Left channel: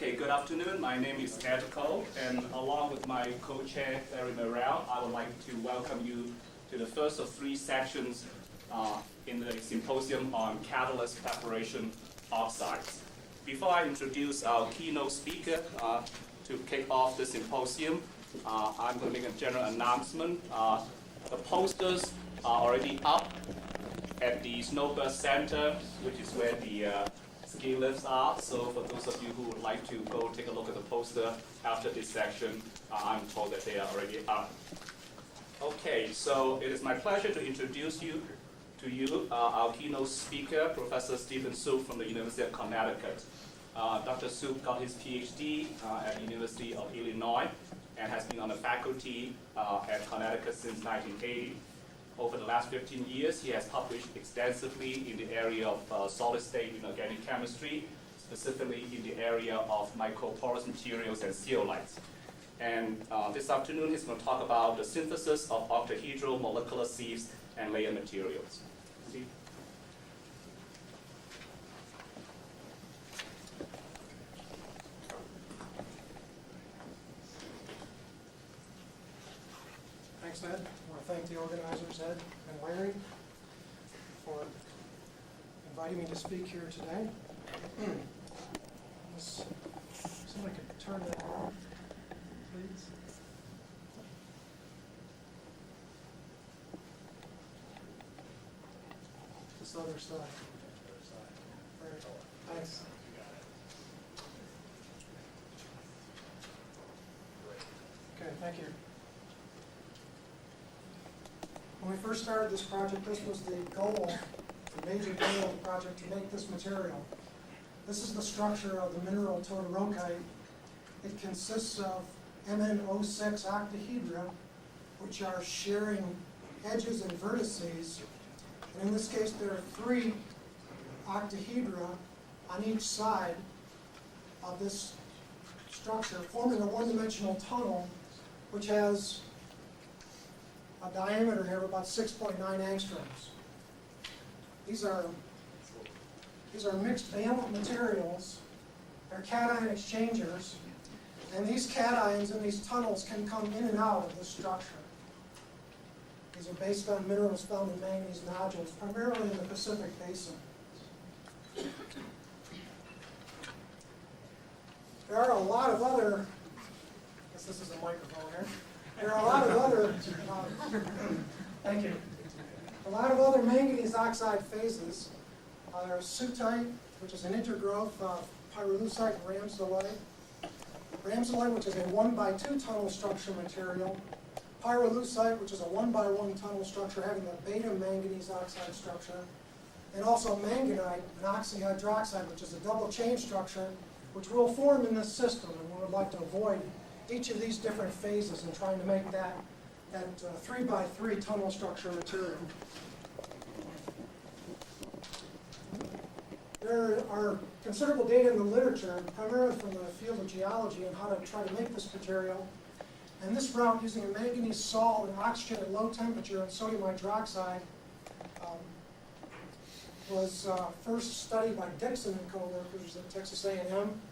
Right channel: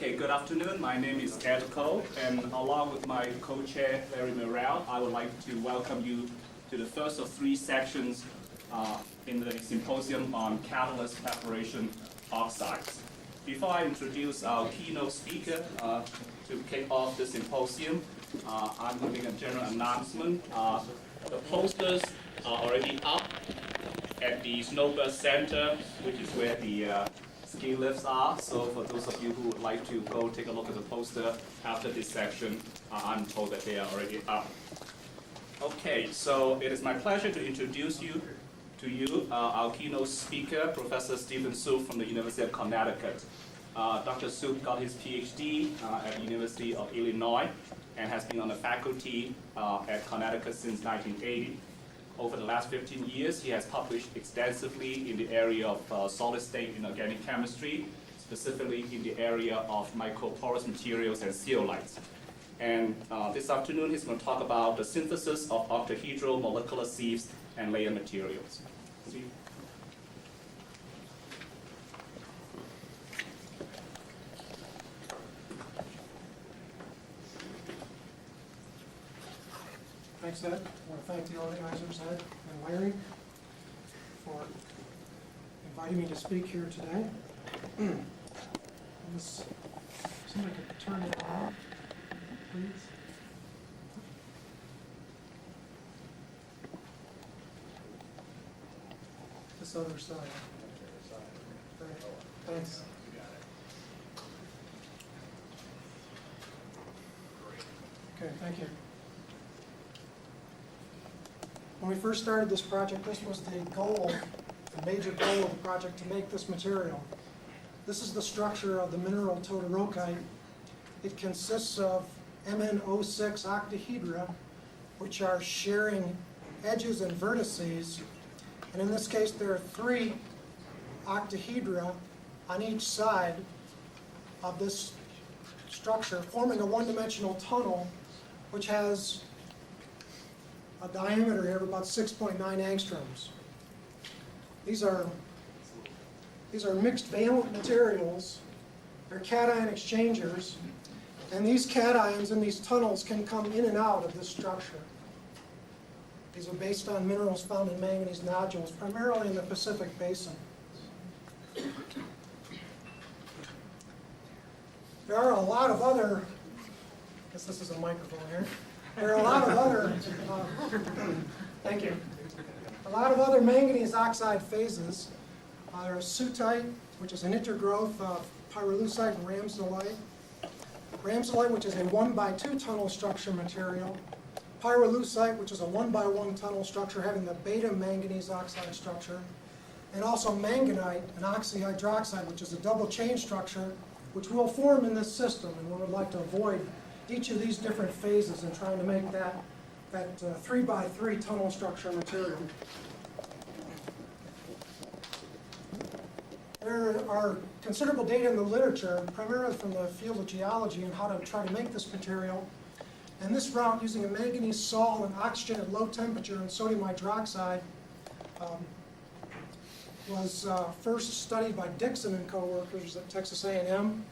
Okay, good afternoon. My name is Ed Ko, and along with my co-chair, Larry Morrell, I would like to welcome you to the first of three sections in the symposium on catalyst preparation oxides. Before I introduce our keynote speaker to kick off the symposium, I'm going to make a general announcement. The posters are already up at the Snowburst Center, which is where the ski lifts are. So for those of you who would like to go take a look at the poster after this section, I'm told that they are already up. Okay, so it is my pleasure to introduce you to our keynote speaker, Professor Stephen Suib from the University of Connecticut. Dr. Suib got his PhD at the University of Illinois and has been on the faculty at Connecticut since 1980. Over the last 15 years, he has published extensively in the area of solid-state inorganic chemistry, specifically in the area of microporous materials and zeolites. And this afternoon, he's going to talk about the synthesis of octahedral molecular sieves and layer materials. Steve? Thanks, Ed. I want to thank the organizers, Ed and Larry, for inviting me to speak here today. Somebody could turn that on, please. This other side. Right. Thanks. Okay, thank you. When we first started this project, this was the goal, the major goal of the project, to make this material. This is the structure of the mineral todorokite. It consists of MnO6 octahedra, which are sharing edges and vertices. And in this case, there are 3 octahedra on each side of this structure, forming a one-dimensional tunnel, which has a diameter here of about 6.9 angstroms. These are mixed valent materials. They're cation exchangers, and these cations in these tunnels can come in and out of this structure. These are based on minerals found in manganese nodules, primarily in the Pacific Basin. There are a lot of other, I guess this is a microphone here. There are a lot of other, thank you, a lot of other manganese oxide phases. There's sootite, which is an intergrowth of pyrolusite and rhamsolite. Rhamsolite, which is a 1x2 tunnel structure material. Pyrolusite, which is a 1x1 tunnel structure having the beta manganese oxide structure. And also manganite, an oxyhydroxide, which is a double chain structure, which will form in this system, and we would like to avoid each of these different phases and trying to make that 3x3 tunnel structure material. There are considerable data in the literature, primarily from the field of geology, on how to try to make this material. And this route, using a manganese salt and oxygen at low temperature and sodium hydroxide, was first studied by Dixon and co-workers at Texas A&M.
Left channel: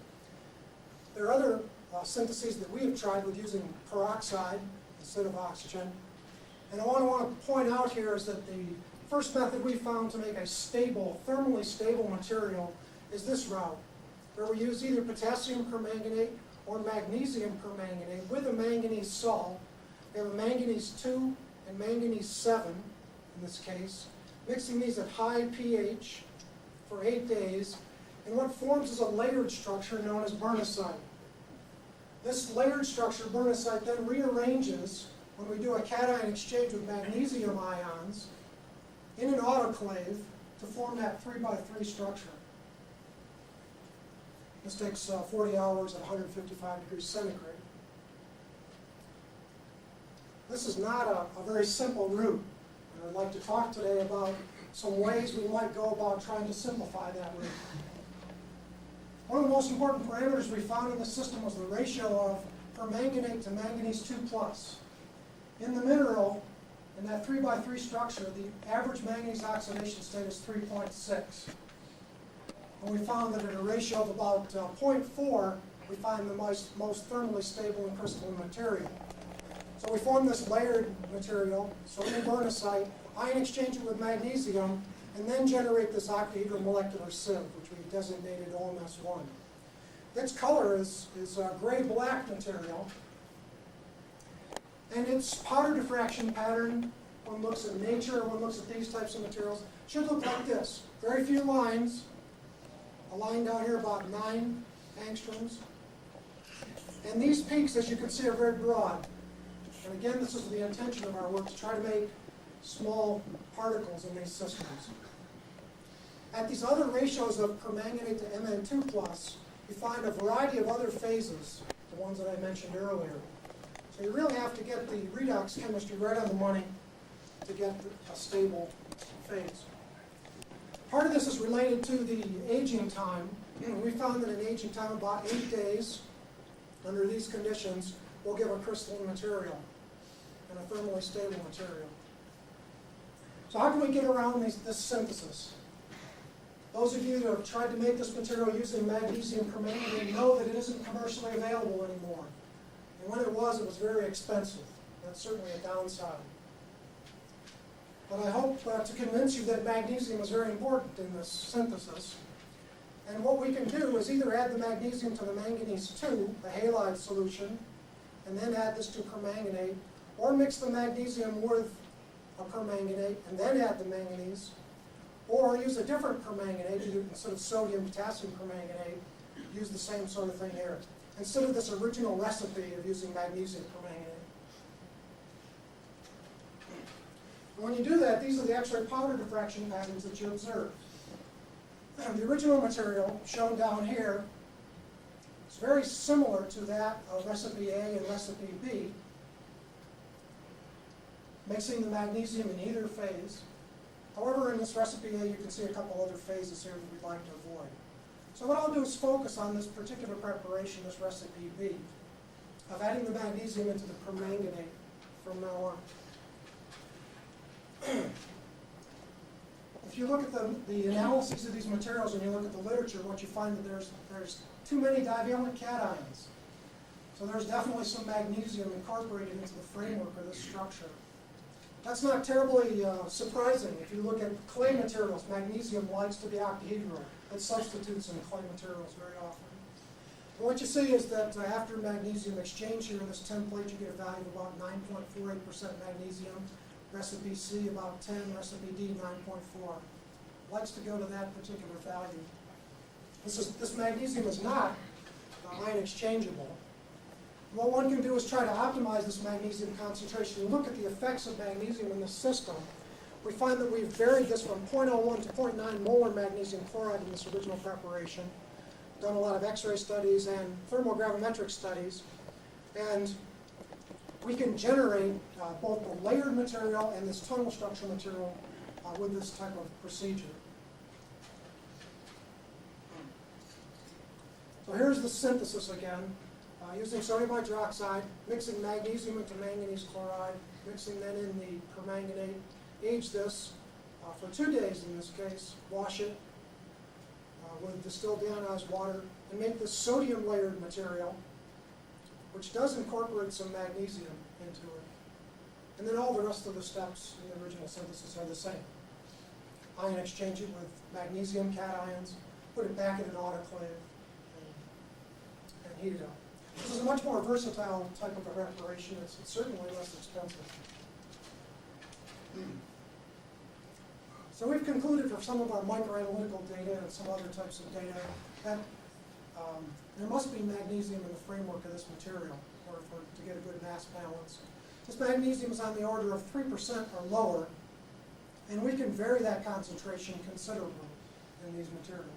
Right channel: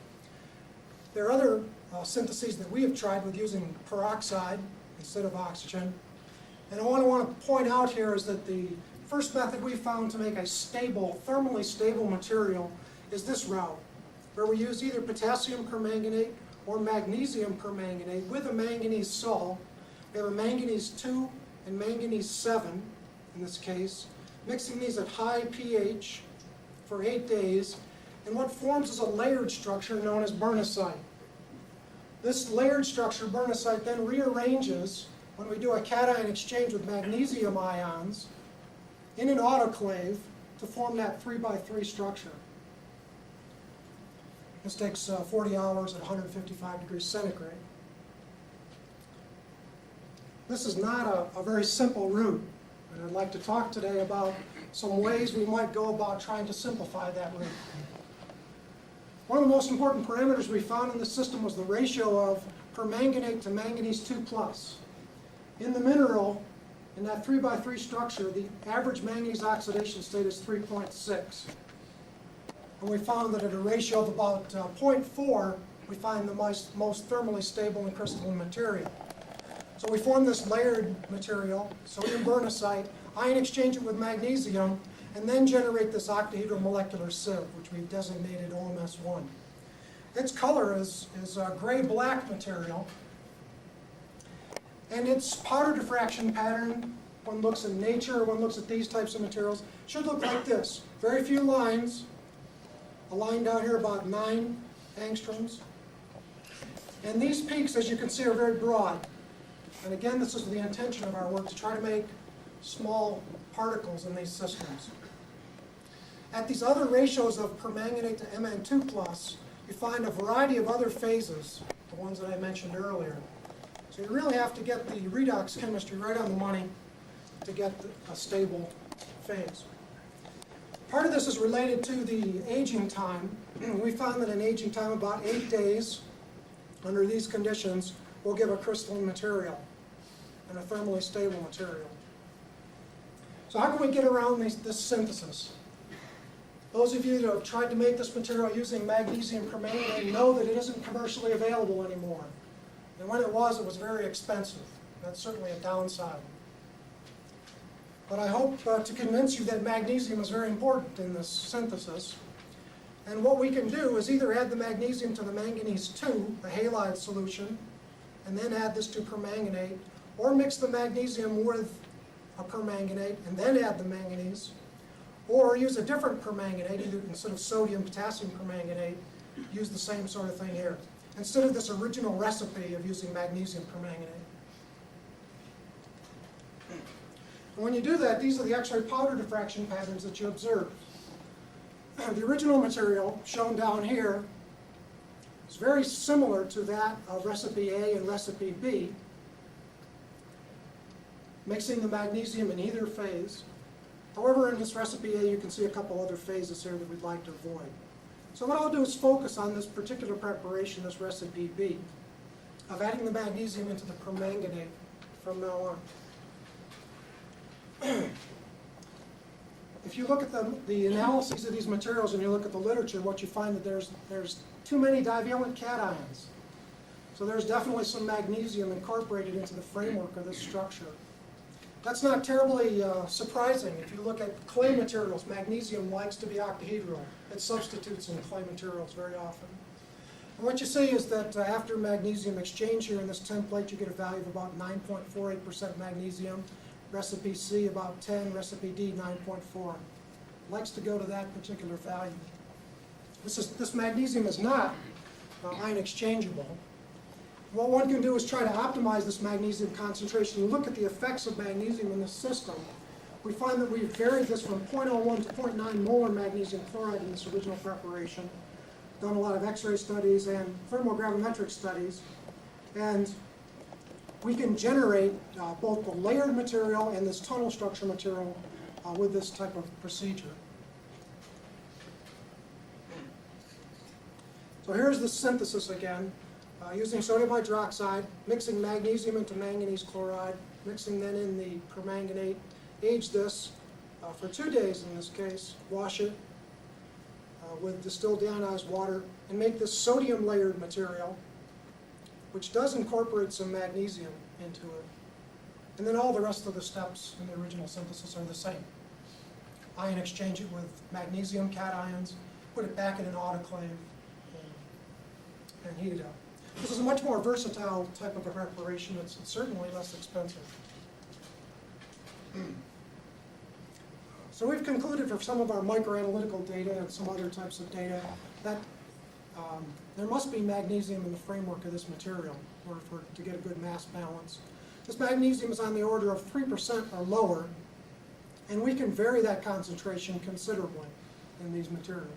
There are other syntheses that we have tried with using peroxide instead of oxygen. And what I want to point out here is that the first method we found to make a stable, thermally stable material is this route, where we use either potassium permanganate or magnesium permanganate with a manganese salt. We have a manganese 2 and manganese 7 in this case, mixing these at high pH for 8 days, and what forms is a layered structure known as bernesite. This layered structure, bernesite, then rearranges when we do a cation exchange with magnesium ions in an autoclave to form that 3x3 structure. This takes 40 hours at 155 degrees centigrade. This is not a very simple route, and I'd like to talk today about some ways we might go about trying to simplify that route. One of the most important parameters we found in the system was the ratio of permanganate to manganese 2+. In the mineral, in that 3x3 structure, the average manganese oxidation state is 3.6. And we found that at a ratio of about 0.4, we find the most thermally stable and crystalline material. So we form this layered material, sodium bernicite, ion exchange it with magnesium, and then generate this octahedral molecular sieve, which we've designated OMS 1. Its color is a gray-black material, and its powder diffraction pattern, one looks at nature, one looks at these types of materials, should look like this. Very few lines, a line down here about 9 angstroms. And these peaks, as you can see, are very broad. And again, this is the intention of our work, to try to make small particles in these systems. At these other ratios of permanganate to Mn2+, you find a variety of other phases, the ones that I mentioned earlier. So you really have to get the redox chemistry right on the money to get a stable phase. Part of this is related to the aging time. We found that an aging time of about 8 days under these conditions will give a crystalline material and a thermally stable material. So how can we get around this synthesis? Those of you that have tried to make this material using magnesium permanganate know that it isn't commercially available anymore. And when it was very expensive. That's certainly a downside. But I hope to convince you that magnesium is very important in this synthesis. And what we can do is either add the magnesium to the manganese 2, the halide solution, and then add this to permanganate, or mix the magnesium with a permanganate and then add the manganese, or use a different permanganate, instead of sodium, potassium permanganate, use the same sort of thing here, instead of this original recipe of using magnesium permanganate. And when you do that, these are the X-ray powder diffraction patterns that you observe. And the original material, shown down here, is very similar to that of recipe A and recipe B, mixing the magnesium in either phase. However, in this recipe A, you can see a couple other phases here that we'd like to avoid. So what I'll do is focus on this particular preparation, this recipe B, of adding the magnesium into the permanganate from now on. If you look at the analyses of these materials and you look at the literature, what you find that there's too many divalent cations. So there's definitely some magnesium incorporated into the framework of this structure. That's not terribly surprising. If you look at clay materials, magnesium likes to be octahedral. It substitutes in clay materials very often. And what you see is that after magnesium exchange here in this template, you get a value of about 9.48% magnesium. Recipe C about 10, recipe D 9.4. Likes to go to that particular value. This magnesium is not ion exchangeable. What one can do is try to optimize this magnesium concentration and look at the effects of magnesium in the system. We find that we've varied this from 0.01 to 0.9 molar magnesium chloride in this original preparation. Done a lot of X-ray studies and thermogravimetric studies. And we can generate both the layered material and this tunnel structure material with this type of procedure. So here's the synthesis again, using sodium hydroxide, mixing magnesium into manganese chloride, mixing then in the permanganate, age this for 2 days in this case, wash it with distilled deionized water, and make this sodium layered material, which does incorporate some magnesium into it. And then all the rest of the steps in the original synthesis are the same. Ion exchange it with magnesium cations, put it back in an autoclave, and heat it up. This is a much more versatile type of a preparation. It's certainly less expensive. So we've concluded for some of our microanalytical data and some other types of data that there must be magnesium in the framework of this material to get a good mass balance. This magnesium is on the order of 3% or lower, and we can vary that concentration considerably in these materials.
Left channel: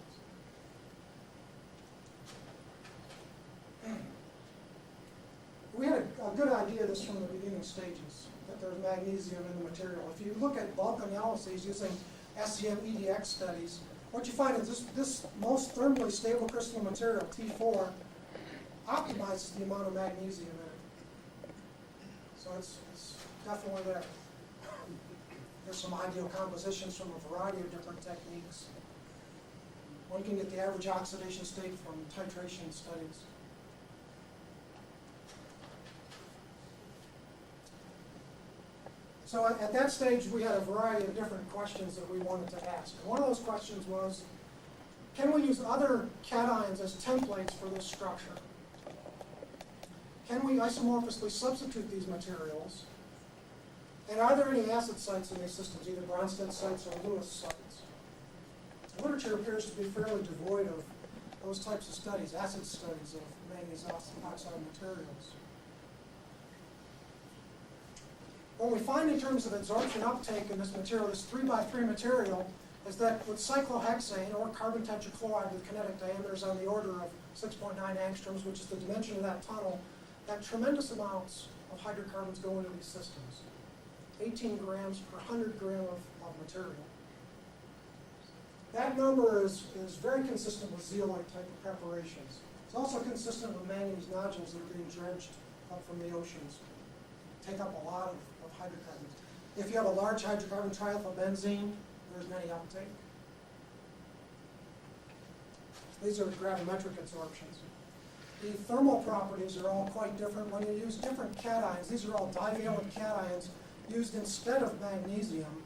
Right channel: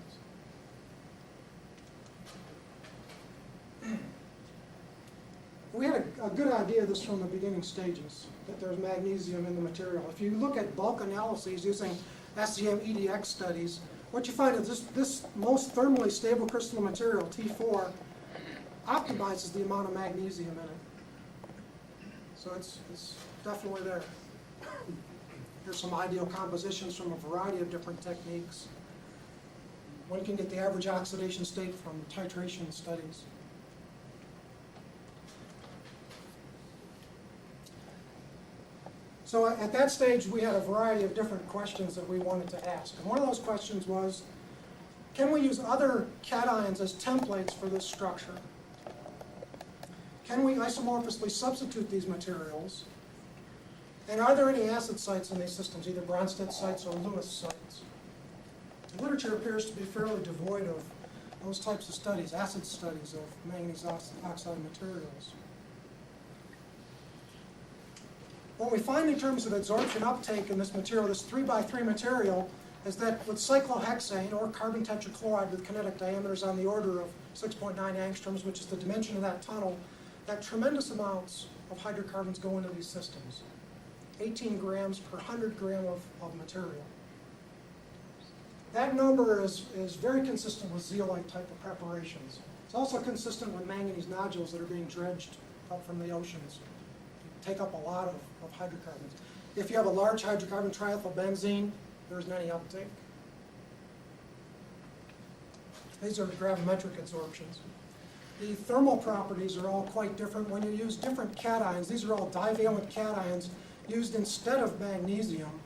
We had a good idea of this from the beginning stages, that there's magnesium in the material. If you look at bulk analyses using SCM EDX studies, what you find is this most thermally stable crystalline material, T4, optimizes the amount of magnesium in it. So it's definitely there. Here's some ideal compositions from a variety of different techniques. One can get the average oxidation state from titration studies. So at that stage, we had a variety of different questions that we wanted to ask. And one of those questions was, can we use other cations as templates for this structure? Can we isomorphously substitute these materials? And are there any acid sites in these systems, either Bronsted sites or Lewis sites? The literature appears to be fairly devoid of those types of studies, acid studies of manganese oxide materials. What we find in terms of absorption uptake in this material, this 3x3 material, is that with cyclohexane or carbon tetrachloride with kinetic diameters on the order of 6.9 angstroms, which is the dimension of that tunnel, that tremendous amounts of hydrocarbons go into these systems. 18 grams per 100 gram of material. That number is very consistent with zeolite type of preparations. It's also consistent with manganese nodules that are being dredged up from the oceans. Take up a lot of hydrocarbons. If you have a large hydrocarbon triethylbenzene, there isn't any uptake. These are gravimetric absorptions. The thermal properties are all quite different. When you use different cations, these are all divalent cations used instead of magnesium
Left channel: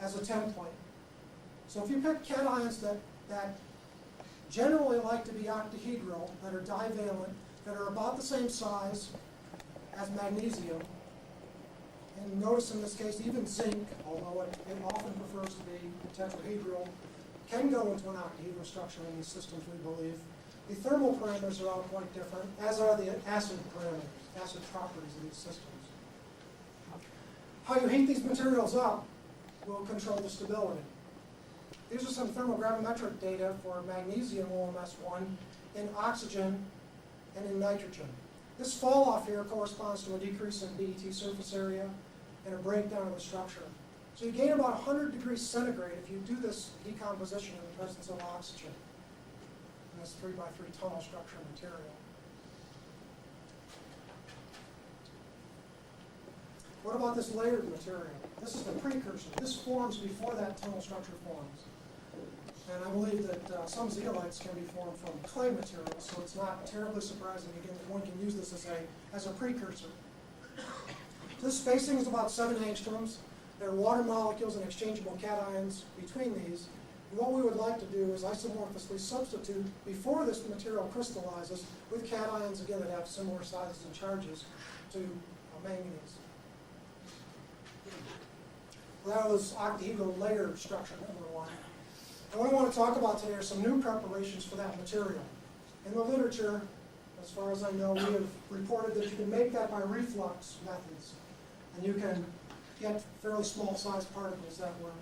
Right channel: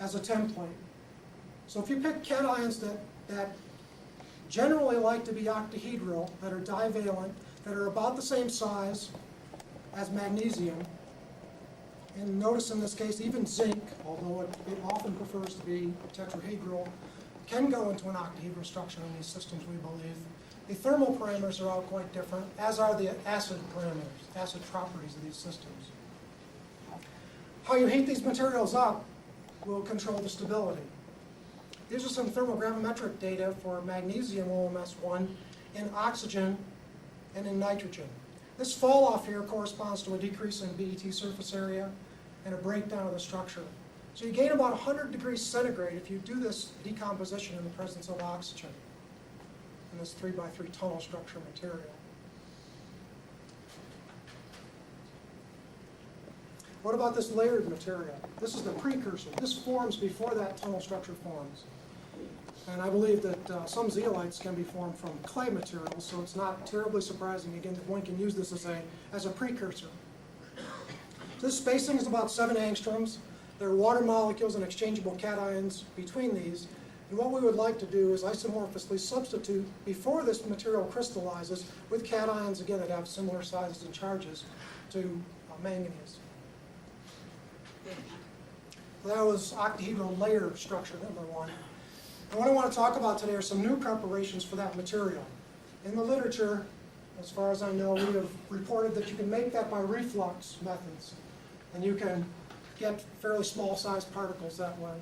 as a template. So if you pick cations that generally like to be octahedral, that are divalent, that are about the same size as magnesium, and notice in this case even zinc, although it often prefers to be tetrahedral, can go into an octahedral structure in these systems, we believe. The thermal parameters are all quite different, as are the acid parameters, acid properties of these systems. How you heat these materials up will control the stability. These are some thermogravimetric data for magnesium OMS1 in oxygen and in nitrogen. This fall off here corresponds to a decrease in BET surface area and a breakdown of the structure. So you gain about 100 degrees centigrade if you do this decomposition in the presence of oxygen in this 3x3 tunnel structure material. What about this layered material? This is the precursor. This forms before that tunnel structure forms. And I believe that some zeolites can be formed from clay materials, so it's not terribly surprising, again, that one can use this as a precursor. This spacing is about 7 angstroms. There are water molecules and exchangeable cations between these. And what we would like to do is isomorphously substitute, before this material crystallizes, with cations, again, that have similar sizes and charges to manganese. That was octahedral layer structure number 1. And what I want to talk about today are some new preparations for that material. In the literature, as far as I know, we have reported that you can make that by reflux methods. And you can get fairly small sized particles that way.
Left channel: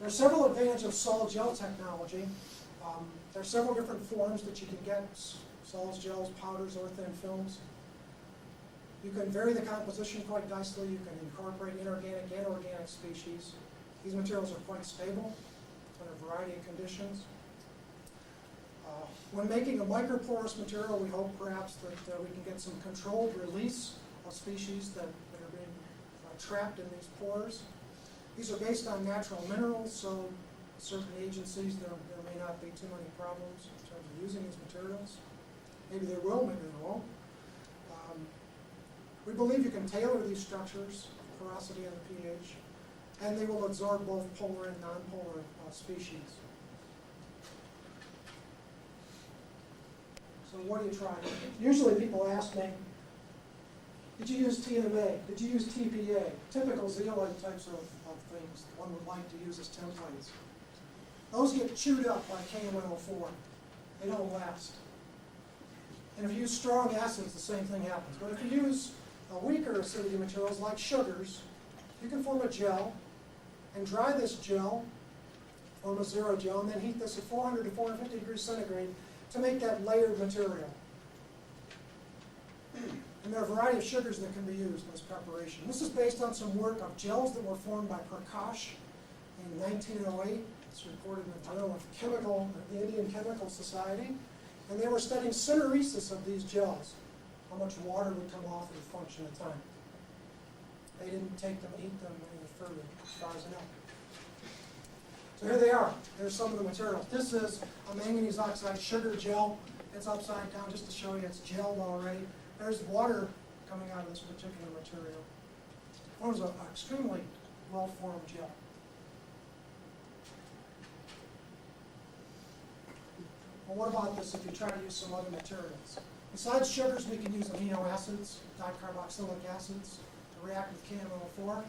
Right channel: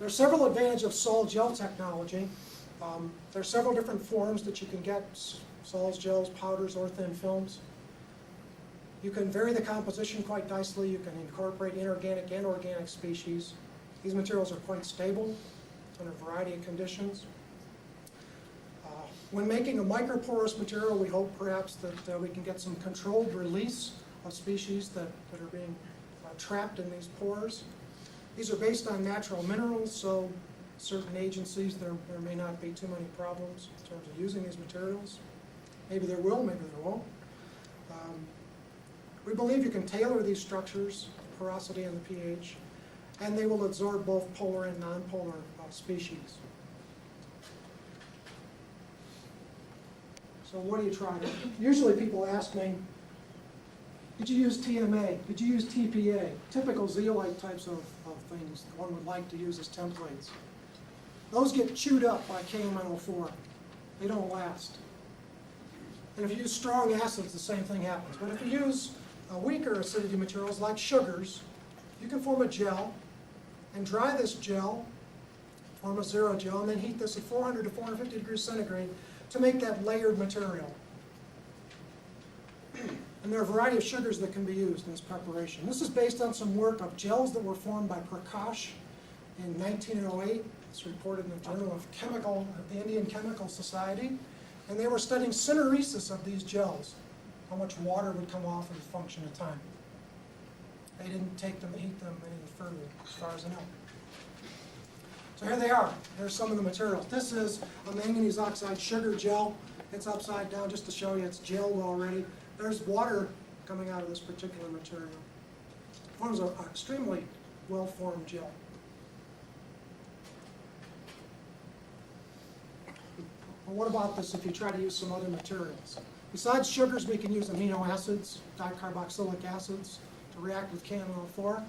There are several advantages of solid gel technology. There are several different forms that you can get, solids, gels, powders, or thin films. You can vary the composition quite nicely. You can incorporate inorganic and organic species. These materials are quite stable under a variety of conditions. When making a microporous material, we hope perhaps that we can get some controlled release of species that are being trapped in these pores. These are based on natural minerals, so certain agencies, there may not be too many problems in terms of using these materials. Maybe there will, maybe there won't. We believe you can tailor these structures, the porosity and the pH, and they will absorb both polar and nonpolar species. So what do you try? Usually people ask me, did you use TMA? Did you use TPA? Typical zeolite types of things one would like to use as templates. Those get chewed up by KMNO4. They don't last. And if you use strong acids, the same thing happens. But if you use weaker acidity materials like sugars, you can form a gel and dry this gel, form a zero gel, and then heat this at 400 to 450 degrees centigrade to make that layered material. And there are a variety of sugars that can be used in this preparation. This is based on some work of gels that were formed by Prakash in 1908. It's reported in the Journal of the Indian Chemical Society. And they were studying syneresis of these gels, how much water would come off in a function of time. They didn't take them, heat them any further, as far as I know. So here they are. Here's some of the materials. This is a manganese oxide sugar gel. It's upside down just to show you it's gelled already. There's water coming out of this particular material. forms an extremely well-formed gel. Well, what about this if you try to use some other materials? Besides sugars, we can use amino acids, dicarboxylic acids, to react with KMNO4.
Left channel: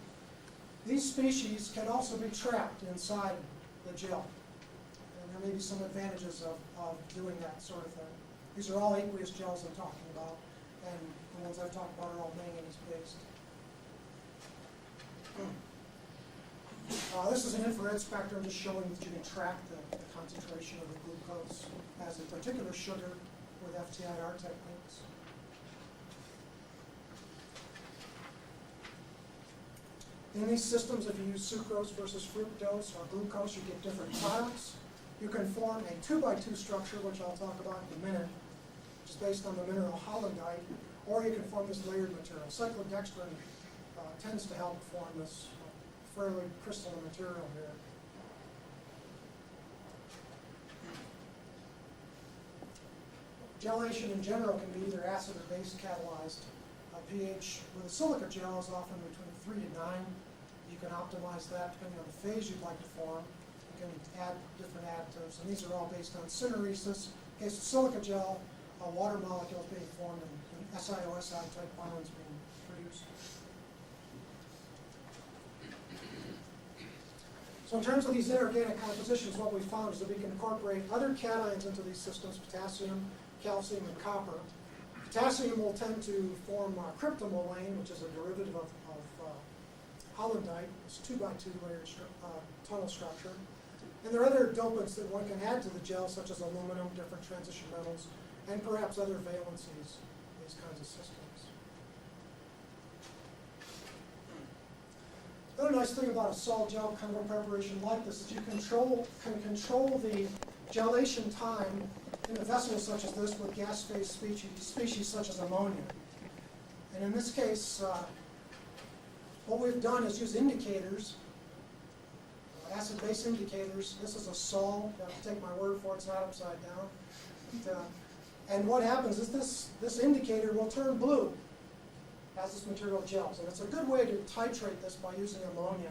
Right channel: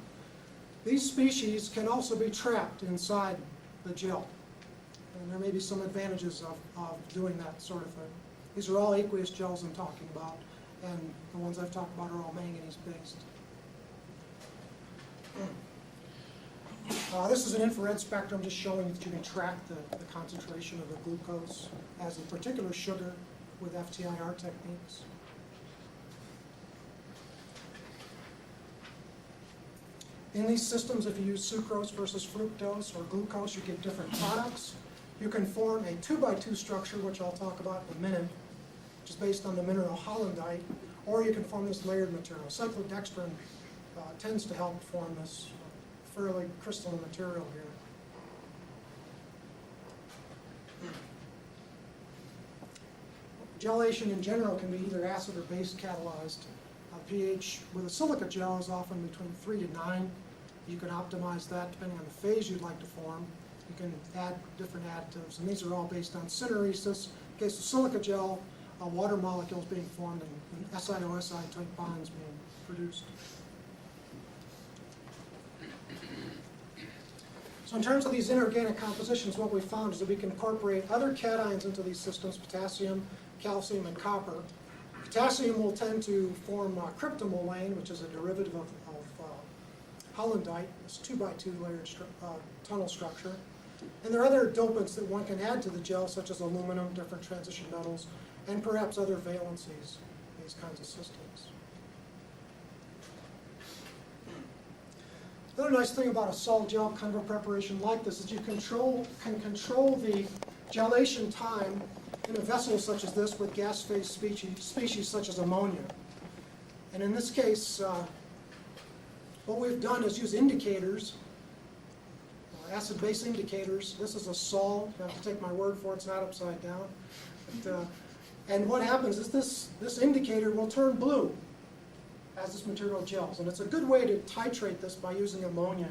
These species can also be trapped inside the gel. And there may be some advantages of doing that sort of thing. These are all aqueous gels I'm talking about, and the ones I've talked about are all manganese-based. This is an infrared spectrum just showing that you can track the concentration of the glucose as a particular sugar with FTIR techniques. In these systems, if you use sucrose versus fructose or glucose, you get different products. You can form a 2x2 structure, which I'll talk about in a minute, which is based on the mineral hollandite, or you can form this layered material. Cyclodextrin tends to help form this fairly crystalline material here. Gelation in general can be either acid or base catalyzed. pH with a silica gel is often between 3 to 9. You can optimize that depending on the phase you'd like to form. You can add different additives, and these are all based on syneresis. In case of silica gel, water molecules being formed and SiOSI type bonds being produced. So in terms of these inorganic compositions, what we found is that we can incorporate other cations into these systems, potassium, calcium, and copper. Potassium will tend to form cryptomolane, which is a derivative of hollandite, this 2x2 layered tunnel structure. And there are other dopants that one can add to the gel, such as aluminum, different transition metals, and perhaps other valencies in these kinds of systems. Another nice thing about a sol gel kind of a preparation like this is you can control the gelation time in a vessel such as this with gas phase species such as ammonia. And in this case, what we've done is use indicators, acid-base indicators. This is a sol. You have to take my word for it, it's not upside down. But, and what happens is this indicator will turn blue as this material gels. And it's a good way to titrate this by using ammonia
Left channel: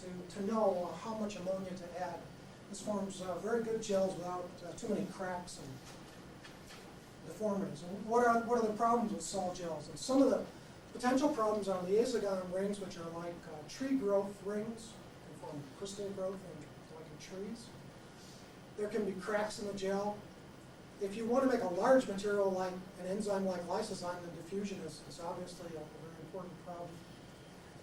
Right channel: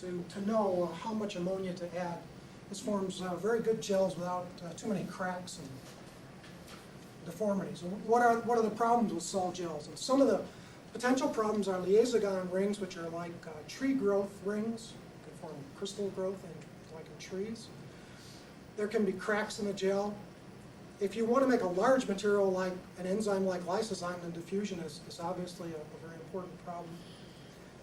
to know how much ammonia to add. This forms very good gels without too many cracks and deformities. And what are the problems with sol gels? And some of the potential problems are liaison rings, which are like tree growth rings. They can form crystal growth like in trees. There can be cracks in the gel. If you want to make a large material like an enzyme like lysozyme, then diffusion is obviously a very important problem.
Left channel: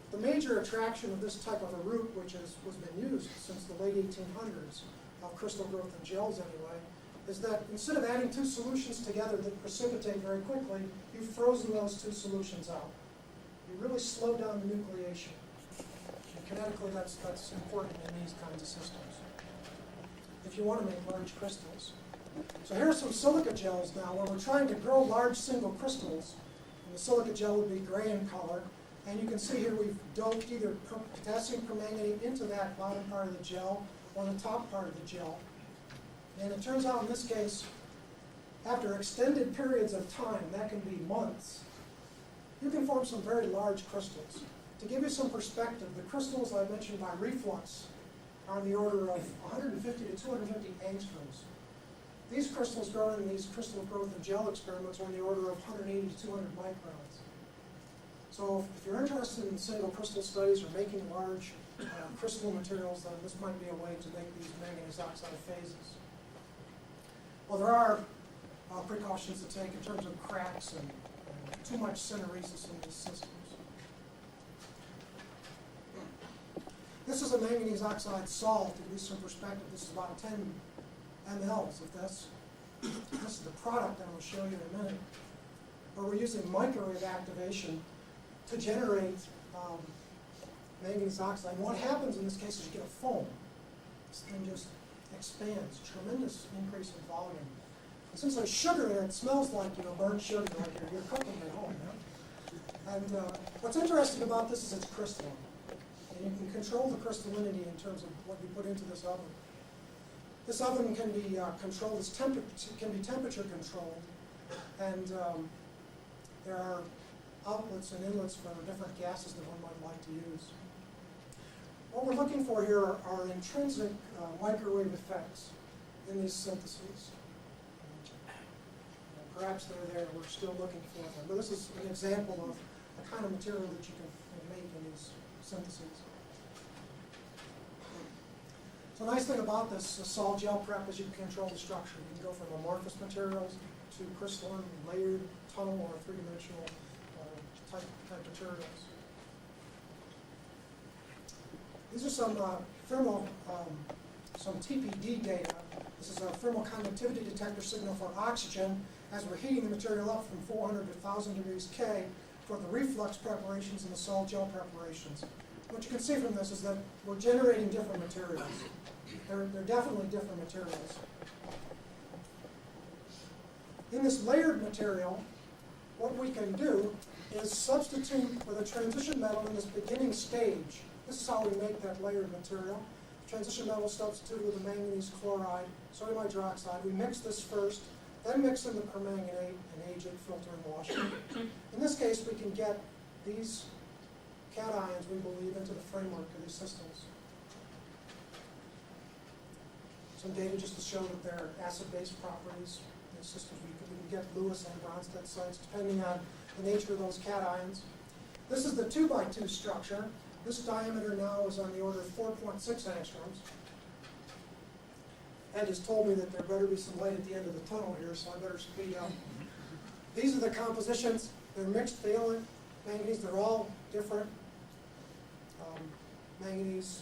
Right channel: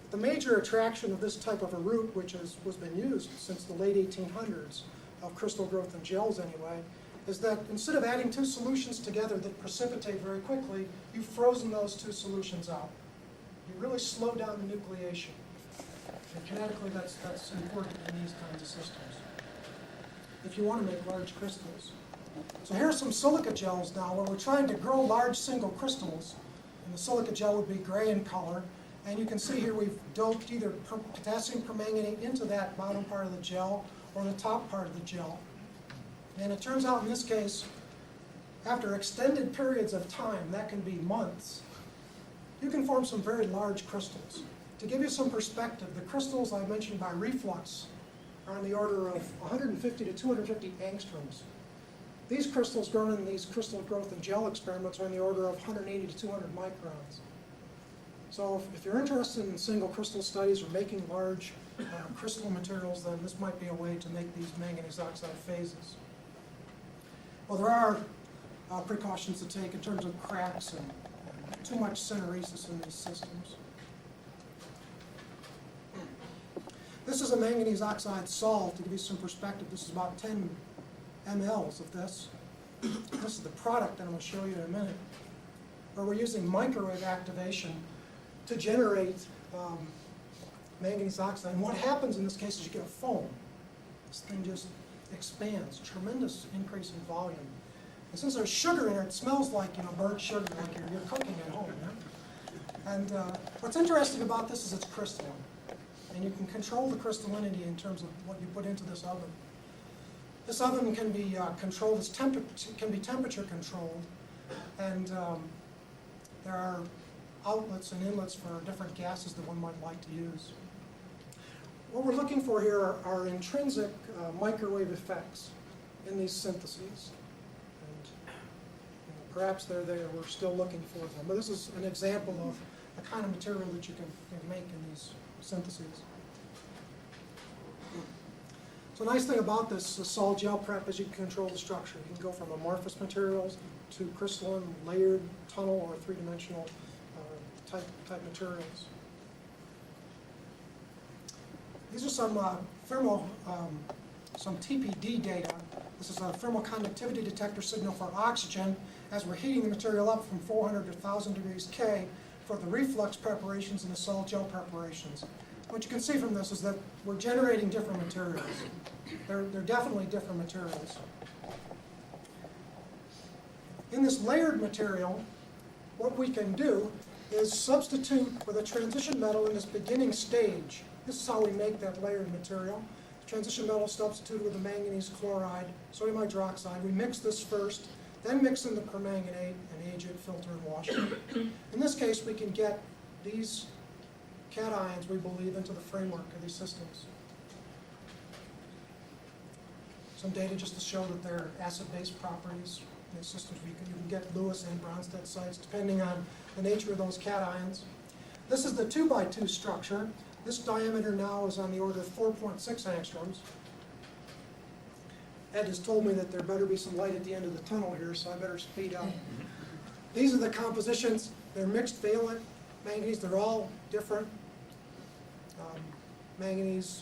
The major attraction of this type of a route, which has been used since the late 1800s of crystal growth in gels anyway, is that instead of adding two solutions together that precipitate very quickly, you've frozen those two solutions out. You really slow down the nucleation. And kinetically, that's important in these kinds of systems if you want to make large crystals. So here are some silica gels now where we're trying to grow large single crystals, and the silica gel would be gray in color. And you can see here we've doped either potassium permanganate into that bottom part of the gel or the top part of the gel. And it turns out in this case, after extended periods of time, that can be months, you can form some very large crystals. To give you some perspective, the crystals I mentioned by reflux are on the order of 150 to 250 angstroms. These crystals grown in these crystal growth and gel experiments are on the order of 180 to 200 microns. So if you're interested in single crystal studies or making large crystal materials, then this might be a way to make these manganese oxide phases. Well, there are precautions to take in terms of cracks and too much syneresis in these systems. This is a manganese oxide sol. To give you some perspective, this is about 10 mLs of this. This is the product that I'm going to show you in a minute. Where we're using microwave activation to generate manganese oxide. And what happens in this case is you get a foam. This thing just expands, tremendous increase in volume. And since there's sugar in it, it smells like burnt sugar, like you're cooking at home. Yeah? And what's interesting about this is it's crystalline. And you can control the crystallinity in terms of what you put into this oven. This oven can be controlled, can be temperature controlled, and there are outlets and inlets for different gases that one might like to use. What we're looking for here are intrinsic microwave effects in these syntheses. And perhaps they're there, we're still looking for them. But this is an example of the kind of material that you can make in these syntheses. So the nice thing about this sol gel prep is you can control the structure. You can go from amorphous materials to crystalline, layered, tunnel, or three-dimensional type materials. These are some thermal, some TPD data. This is a thermal conductivity detector signal for oxygen as we're heating the material up from 400 to 1,000 degrees K for the reflux preparations and the sol gel preparations. What you can see from this is that we're generating different materials. They're definitely different materials. In this layered material, what we can do is substitute with a transition metal in this beginning stage. This is how we make that layered material. Transition metal substituted with a manganese chloride, sodium hydroxide. We mix this first, then mix in the permanganate and age it, filter, and wash it. In this case, we can get these cations, we believe, into the framework of these systems. Some data just to show that there are acid-base properties in the systems. You can get Lewis and Bronsted sites depending on the nature of those cations. This is the 2x2 structure. This diameter now is on the order of 4.6 angstroms. Ed has told me that there better be some light at the end of the tunnel here, so I better speed up. These are the compositions. They're mixed valent manganese. They're all different manganese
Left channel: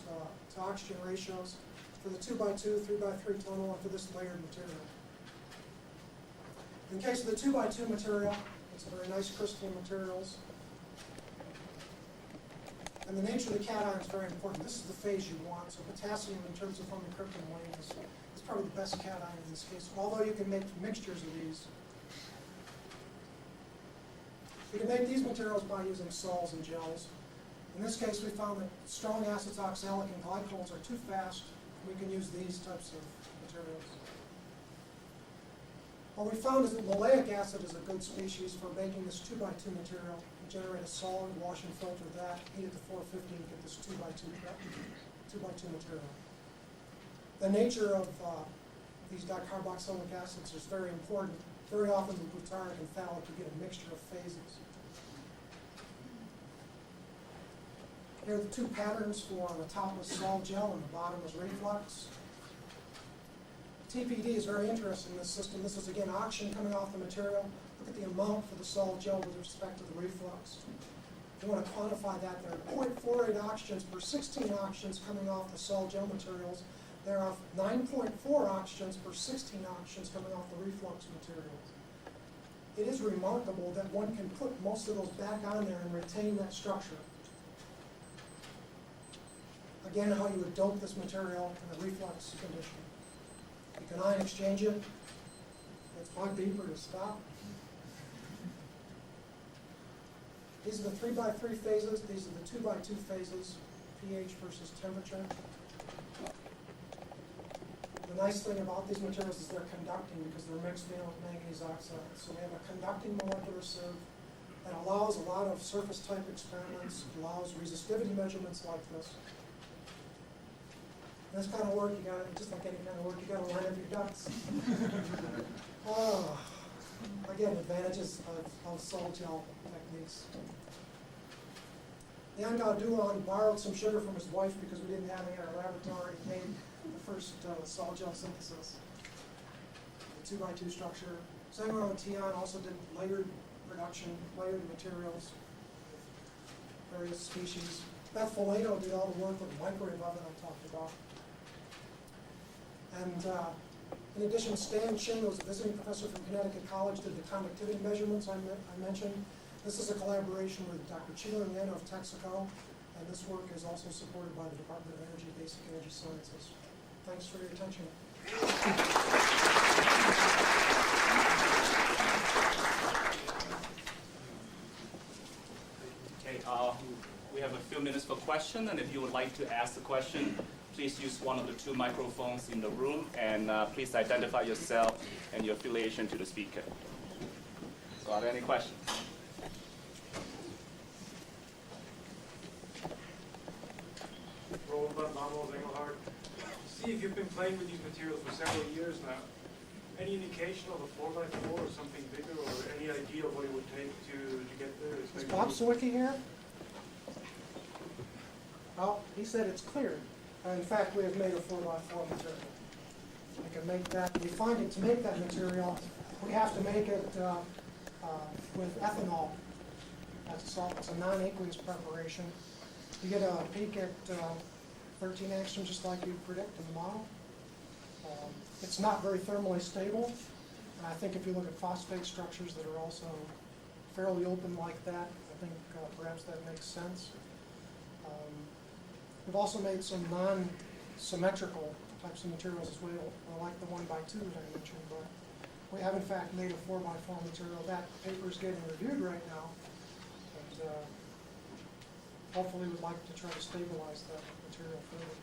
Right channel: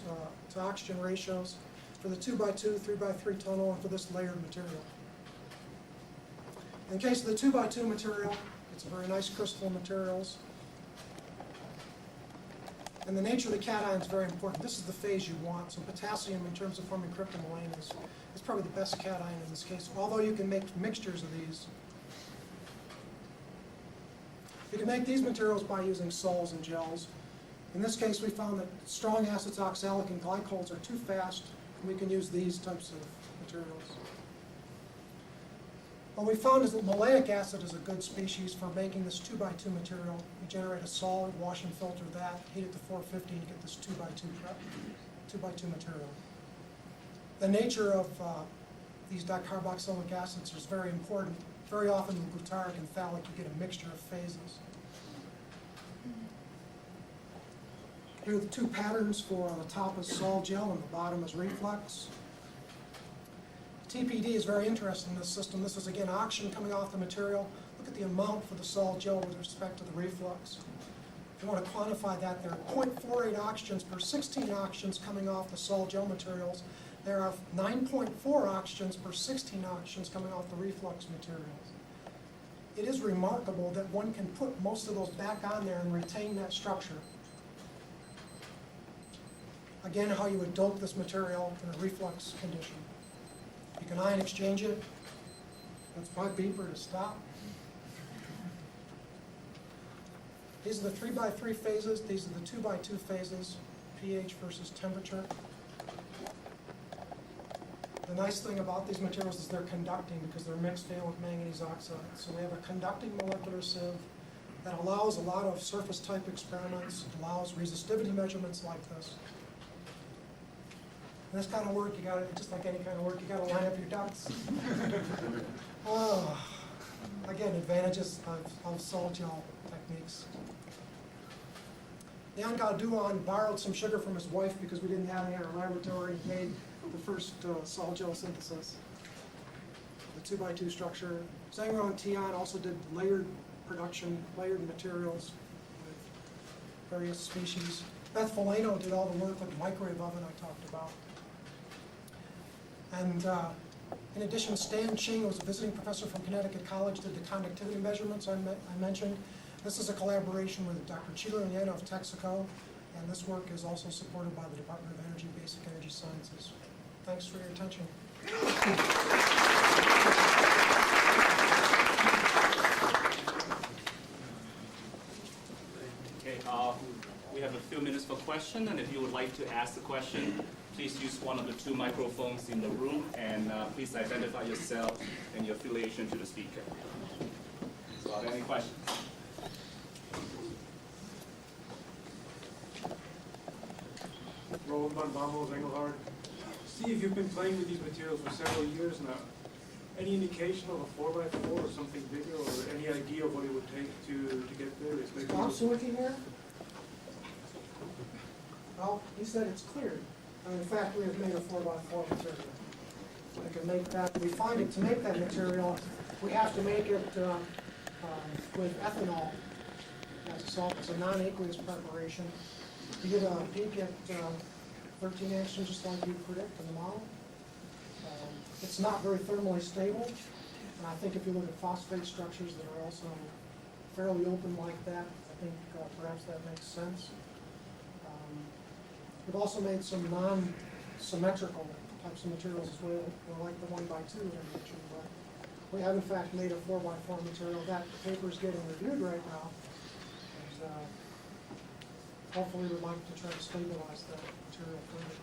to oxygen ratios for the 2x2, 3x3 tunnel, and for this layered material. In the case of the 2x2 material, it's very nice crystalline materials. And the nature of the cation is very important. This is the phase you want. So potassium, in terms of forming cryptomelaine, is probably the best cation in this case, although you can make mixtures of these. You can make these materials by using sols and gels. In this case, we found that strong acids, oxalic, and glycols are too fast, and we can use these types of materials. What we found is that maleic acid is a good species for making this 2x2 material. You generate a solid, wash and filter that, heat it to 450 and get this 2x2 material. The nature of these dicarboxylic acids is very important. Very often with butyric and phthalic, you get a mixture of phases. Here are the two patterns for on the top is sol gel and the bottom is reflux. TPD is very interesting in this system. This is again oxygen coming off the material. Look at the amount for the sol gel with respect to the reflux. If you want to quantify that, there are 0.48 oxygens per 16 oxygens coming off the sol gel materials. There are 9.4 oxygens per 16 oxygens coming off the reflux materials. It is remarkable that one can put most of those back on there and retain that structure. Again, how you would dope this material in a reflux condition. You can ion exchange it. That's my beeper to stop. These are the 3x3 phases. These are the 2x2 phases, pH versus temperature. The nice thing about these materials is they're conducting because they're mixed valent manganese oxide. So we have a conducting molecular sieve that allows a lot of surface type experiments, allows resistivity measurements like this. This kind of work, you got to, just like any kind of work, you got to line up your ducts. Again, advantages of sol gel techniques. Jan Gauduan borrowed some sugar from his wife because we didn't have any in our laboratory. He made the first sol gel synthesis. The 2x2 structure. Zengro and Tian also did layered production, layered materials with various species. Beth Folano did all the work with the microwave oven I talked about. And in addition, Stan Ching was a visiting professor from Connecticut College, did the conductivity measurements I mentioned. This is a collaboration with Dr. Chilo Yen of Texaco, and this work is also supported by the Department of Energy, Basic Energy Sciences. Thanks for your attention. Okay, we have a few minutes for questions, and if you would like to ask the question, please use one of the two microphones in the room, and please identify yourself and your affiliation to the speaker. So are there any questions? Roland van Bommel, Engelhard. Steve, you've been playing with these materials for several years now. Any indication of a 4x4 or something bigger, or any idea of what it would take to get there? Is maybe Bob Sawicki here? Well, he said it's cleared. In fact, we have made a 4x4 material. We can make that, we find it, to make that material, we have to make it with ethanol as a salt. It's a non-aqueous preparation. You get a peak at 13 angstroms, just like you predict in the model. It's not very thermally stable, and I think if you look at phosphate structures that are also fairly open like that, I think perhaps that makes sense. We've also made some non-symmetrical types of materials as well, like the 1x2 that I mentioned, but we have in fact made a 4x4 material. That paper is getting reviewed right now, and hopefully we'd like to try to stabilize that material further.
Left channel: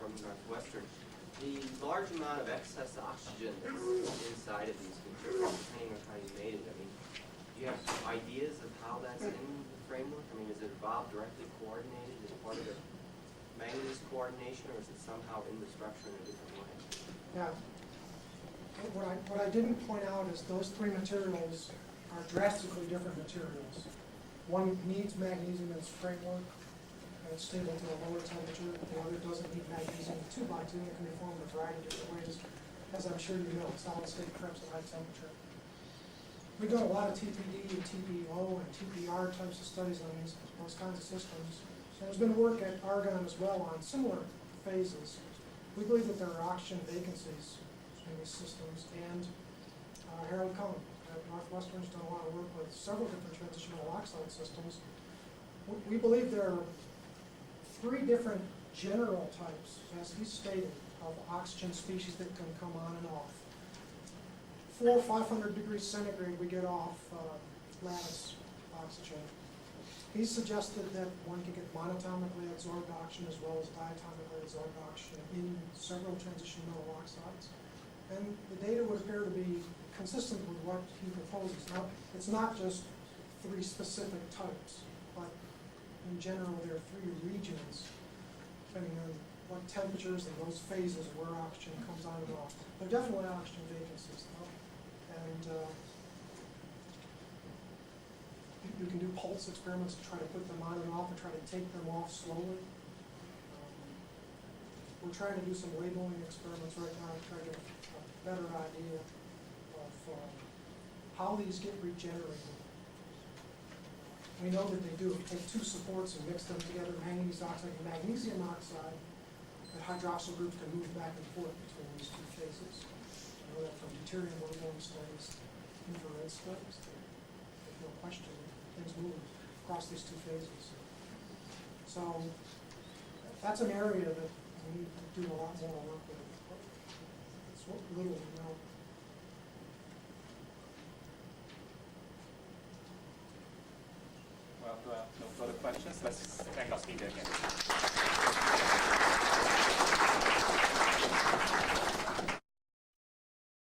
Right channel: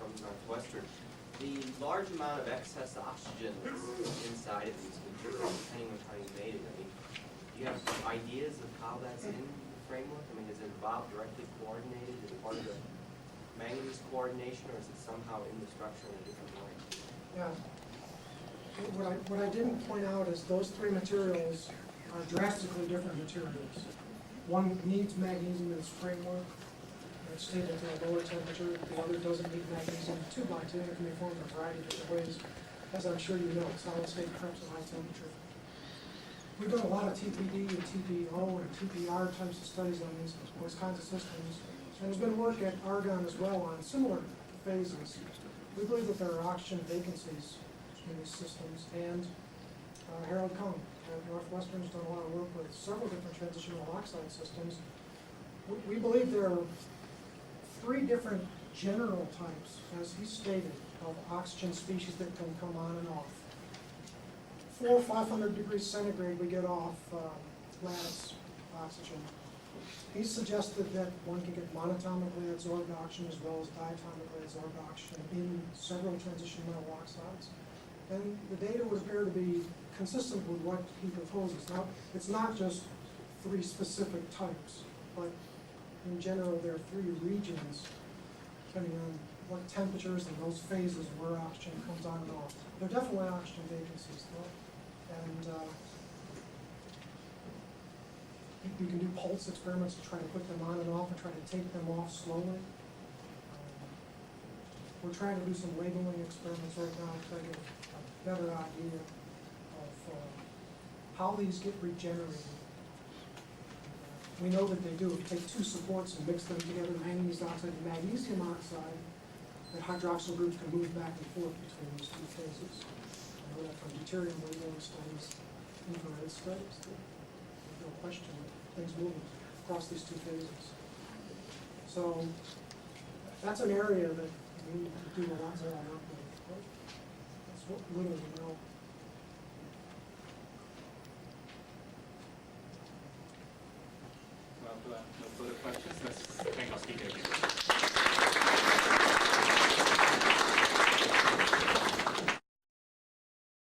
From Northwestern. The large amount of excess oxygen that's inside of these materials, depending on how you made it, I mean, do you have ideas of how that's in the framework? I mean, is it evolved directly coordinated as part of the manganese coordination, or is it somehow in the structure in a different way? Yeah. What I didn't point out is those three materials are drastically different materials. One needs magnesium in its framework. It's stable to a lower temperature. The other doesn't need magnesium. 2x2, and it can be formed in a variety of different ways. As I'm sure you know, solid state preps at high temperature. We've done a lot of TPD and TPO and TPR types of studies on those kinds of systems. And there's been work at Argonne as well on similar phases. We believe that there are oxygen vacancies in these systems, and Harold Cohn at Northwestern's done a lot of work with several different transitional oxide systems. We believe there are three different general types, as he stated, of oxygen species that can come on and off. 400 or 500 degrees centigrade, we get off lattice oxygen. He suggested that one can get monotomically adsorbed oxygen as well as diatomically adsorbed oxygen in several transition metal oxides. And the data would appear to be consistent with what he proposes. Now, it's not just three specific types, but in general, there are three regions, depending on what temperatures and those phases where oxygen comes on and off. There are definitely oxygen vacancies, though. And you can do pulse experiments to try to put them on and off and try to take them off slowly. We're trying to do some labeling experiments right now to try to get a better idea of how these get regenerated. We know that they do. If you take two supports and mix them together, manganese oxide and magnesium oxide, that hydroxyl groups can move back and forth between these two phases. I know that from deuterium labeling studies, infrared studies, that there's no question of things moving across these two phases. So that's an area that we need to do a lot more work with. That's what little we know. Well, no further questions. Let's thank our speaker again.